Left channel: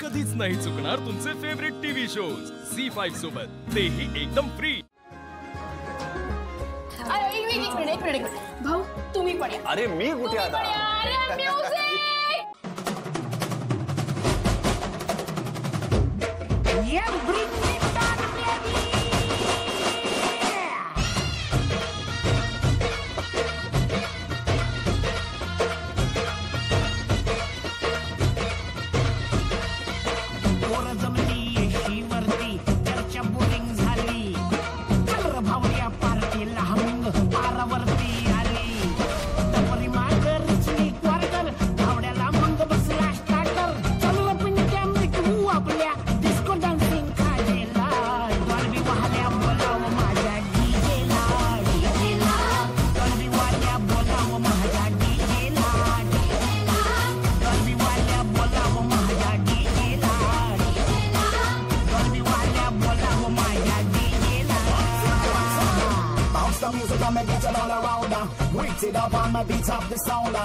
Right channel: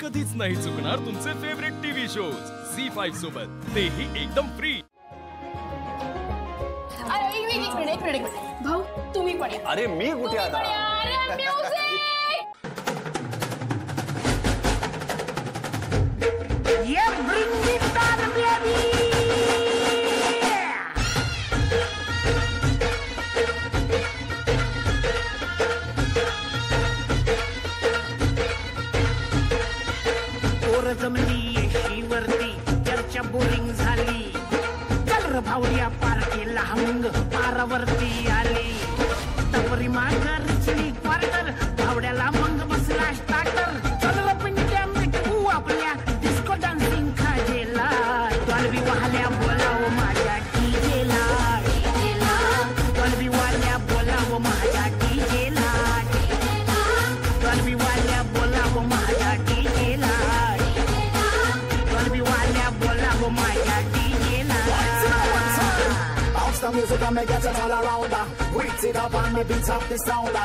कधीच नाही चुकणार तुमचे फेवरेट टीव्ही शोज झी5 सोबत, तेही एकदम फ्री। अरे एक मिनिट भाऊ, तुम्ही पण या। अरे मी कुठे आता? अरे म्युझिक ये ब्रिंग इट ऑन बेबी। पोर जमली शिवरती, चर्चा बोरिंग झाली। चल र भावड्या पार्टीला हमंग पारावरती आली। तपरी मागर रिचली क्वार्टर, भावड्याला मंग बसला स्टार्टर। चल र पिंट्या मिटवू आपल्या डिस्को डान्सिंग खाजेला। डॉल्बी वाहल्या बोलाव माझ्या डीजेला, डीजेला। डॉल्बी वाल्या बोलाव माझ्या डीजेला, डॉल्बी वाल्या बोलाव माझ्या डीजेला, डॉल्बी वाल्या बोलाव माझ्या डीजेला। Bounce the music and make it all around. Wait it up on my beats of the sound.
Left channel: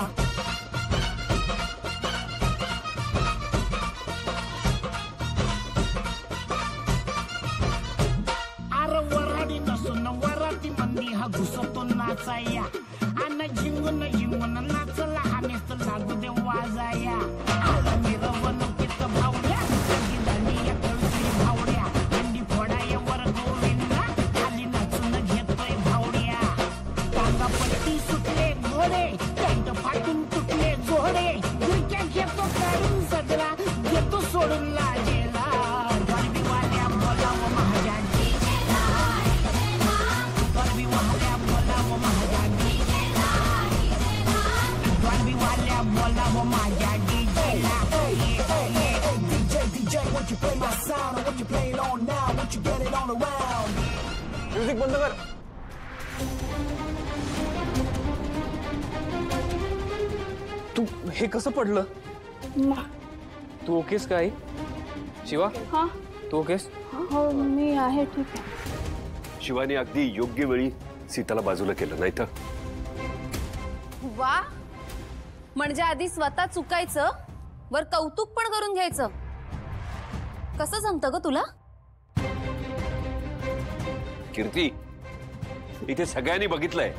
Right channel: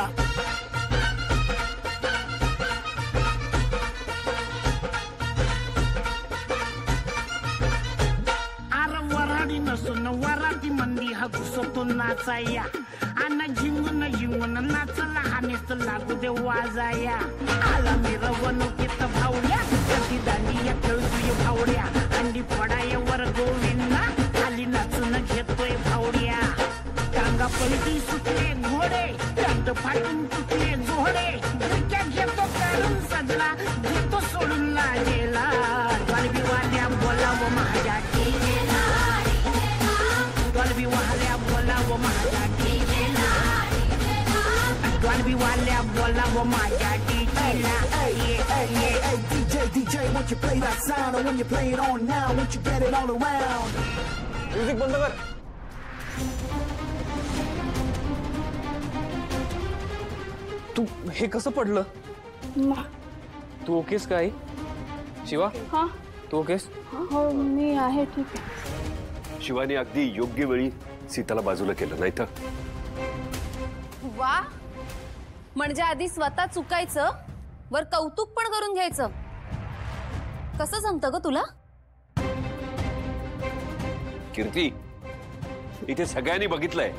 अरे वराडी नसून वराती मंदी हा घुसतो नाचाया। आणि झिंगून झिंगून नाचला हा नेस्त लागू दे वाजाया। आला मिरवणुकीत भावड्या, कधी दांडिया खेळतोय भावड्या। अंडी फोडाय वर गोविंदा, खाली नाचून घेतोय भावड्या। टांगा पलटी सुटले घोडे, पॅन्ट फाटून तुटले जोडे। गिरक्या घेतो काढून सजला, घेतो सोडून लाजेला। डॉल्बी वाल्या बोलाव माझ्या डीजेला, डॉल्बी वाल्या बोलाव माझ्या डीजेला, डॉल्बी वाल्या बोलाव माझ्या डीजेला। DJ, won't you play that sound? Or when you play it on now, won't you get it all around? Music बंद कर। तू हे कसं पडलं? तू ओकेस काय? शिवा, हाँ तू ओकेस? हो मी आहे, ठीक आहे। शिवानी अगदी योग्य वेळी सीताला बाजूला केलं, नाही तर वा, म्हणजे आधी स्वतः चुकायचं, वर कौतुक पण करून घ्यायचं। कसं जमतं ग तुला? कीर्ती, इथे सगळ्यांनी बघितलंय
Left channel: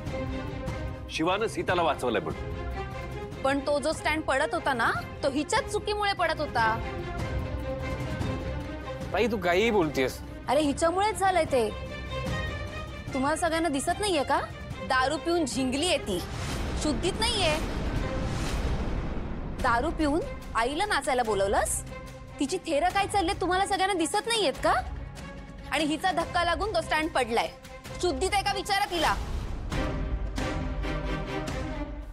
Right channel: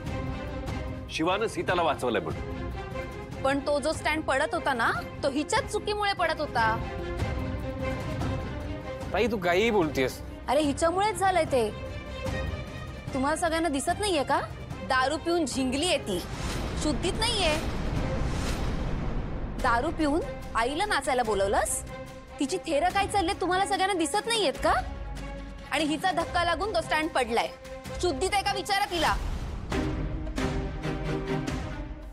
शिवानं सीताला वाचवलंय म्हणून। पण तो जो स्टँड पडत होता ना, तो हिच्याच चुकीमुळे पडत होता। ताई तू काही बोलतेस? अरे हिच्यामुळेच झालंय ते। तुम्हाला सगळ्यांना दिसत नाहीये का? दारू पिऊन झिंगली आहे ती, शुद्धीत नाहीये। दारू पिऊन आईला नाचायला बोलवलंस? तिची थेर काय चालले तुम्हाला सगळ्यांना दिसत नाहीयेत का? आणि हिचा धक्का लागून तो स्टँड पडलाय, शुद्धीत आहे का विचारा तिला।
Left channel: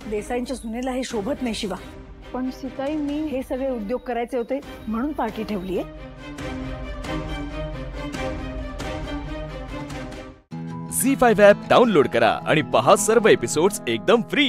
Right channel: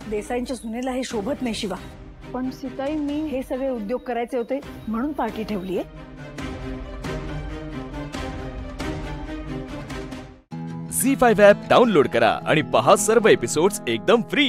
देसाईंच्या सुनेला हे शोभत नाही शिवा। पण सीताई, मी हे सगळे उद्योग करायचे होते म्हणून पार्टी ठेवलीये। झी5 ॲप डाउनलोड करा आणि पहा सर्व एपिसोड्स एकदम फ्री।